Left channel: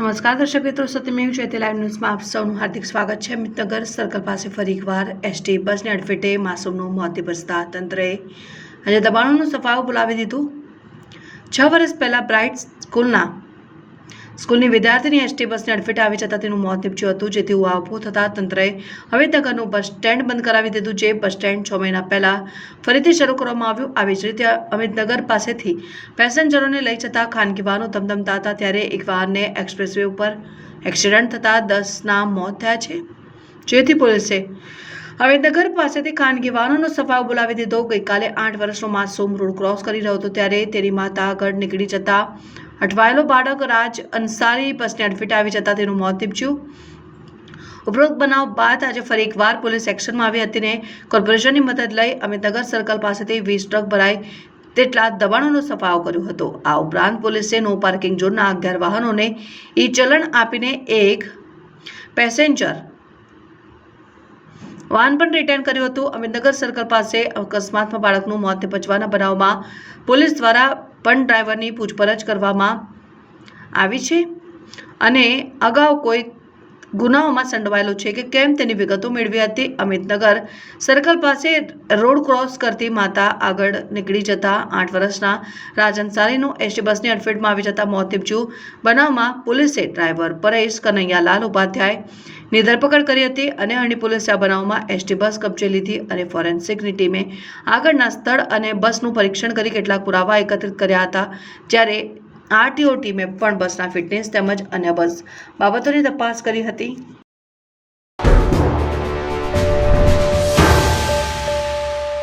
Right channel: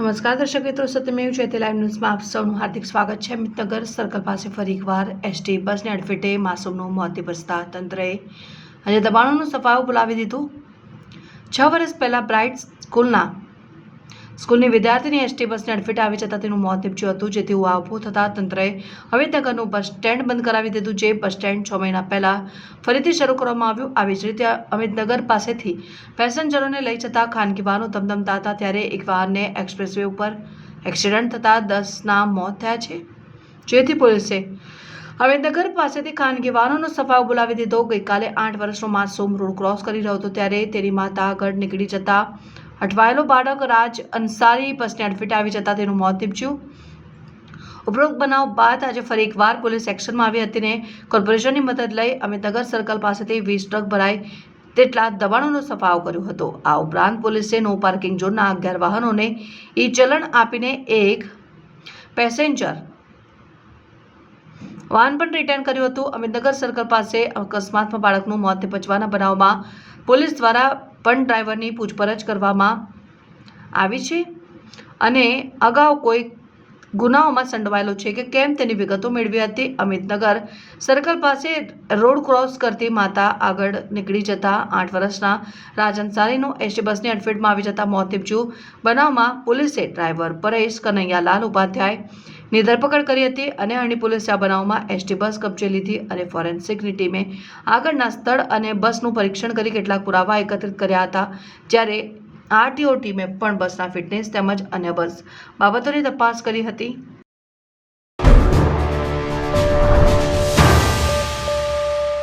નમસ્કાર દર્શક મિત્રો, સત્યમેવ જયતે લાઈવ ન્યૂઝમાં આપ સૌનું હાર્દિક સ્વાગત છે। અમિતનગર સર્કલ પાસે ફરી એકવાર એસટી બસની અડફેટે માસૂમનું મોત નિપજતા તંત્રએ અને દબાણોનું સફાયું બોલાવી દીધું। 6 વર્ષ પહેલા બ્રાઇટ સ્કૂલની વિદ્યાર્થીની એસટી બસની અડફેટે આવી જતાં તેનું મોત નીપજ્યું હતું, જેથી ઉહાપોહ થતાં તંત્રએ અમિતનગરનું બસ સ્ટેન્ડ બંધ કરાવી દીધું। જે બસ સ્ટેન્ડ 6 મહિના પહેલા ફરીથી શરૂ કરવામાં આવ્યું। આવી જ રીતે અમિતનગર પાસેથી પેસેન્જરોને લઈ જતા ખાનગી વાહનો ધમધમતા હતા, ત્યારે એક વાહનને એક્સપ્રેસવે ઉપર એક્સિડન્ટ થતાં 10ના મોત થયા છે, જેથી પોલીસે અમિતનગર પાસેથી ખાનગી વાહનોનો સફાયો બોલાવી દીધો। ગઈકાલે 8 વર્ષનો માસૂમ રોડ ક્રોસ કરી રહ્યો હતો, ત્યારે તેની માતા આગળ નીકળી જતા અટવાયેલો બાળક રાજ અંસારી બસની અડફેટે આવી જતા તેનું મોત નીપજ્યું। ઉપરોક્ત બનાવ બાદ આજે ફરી એકવાર પોલીસ એક્શનમાં આવી હતી ને કોર્પોરેશનની મદદ લઈ અમિતનગર સર્કલ પાસેથી 20 ટ્રક ભરાય તેટલા દબાણોનો સફાયો કર્યો હતો। આ ઉપરાંત પોલીસે નો પાર્કિંગ ઝોનના 11 વાહનોને ચલણ આપીને એક પેસેન્જર વાહન પણ રિટર્ન કર્યું હતું। અમિતનગર સર્કલ પાસે અકસ્માતમાં બાળકનું મોત નિપજવાના બનાવમાં પોલીસ દ્વારા પણ ડ્રાઈવરની પૂછપરછ કરવામાં આવી છે અને અગાઉ કોઈ ગુનાઓમાં સંડોવાયેલો છે કે કેમ તેની વિગતો મેળવી હતી। અમિતનગર સર્કલ પાસે રોડ ક્રોસ કરતી માતા આગળ નીકળી જતા 8 વર્ષના રાજ અંસારીનું એસટી બસની અડફેટમાં આવી જતા મોત નીપજ્યું। બનાવમાં પોલીસે ડ્રાઈવર પરેશ કનૈયાલાલ ઉપાધ્યાયની ધરપકડ કરી હતી અને અણી પોલીસે આ બનાવમાં એસટી બસ કબજે લીધી અને ફોરેન્સિકની ટીમે આગળના સ્થળ અને બસનું પરીક્ષણ કરી કેટલાક પુરાવા એકત્રિત કર્યા હતા, જ્યારે આરટીઓ ટીમે પણ બસના ફિટનેસ તેમજ અન્ય બસ બાબતોની તપાસ કરી હતી।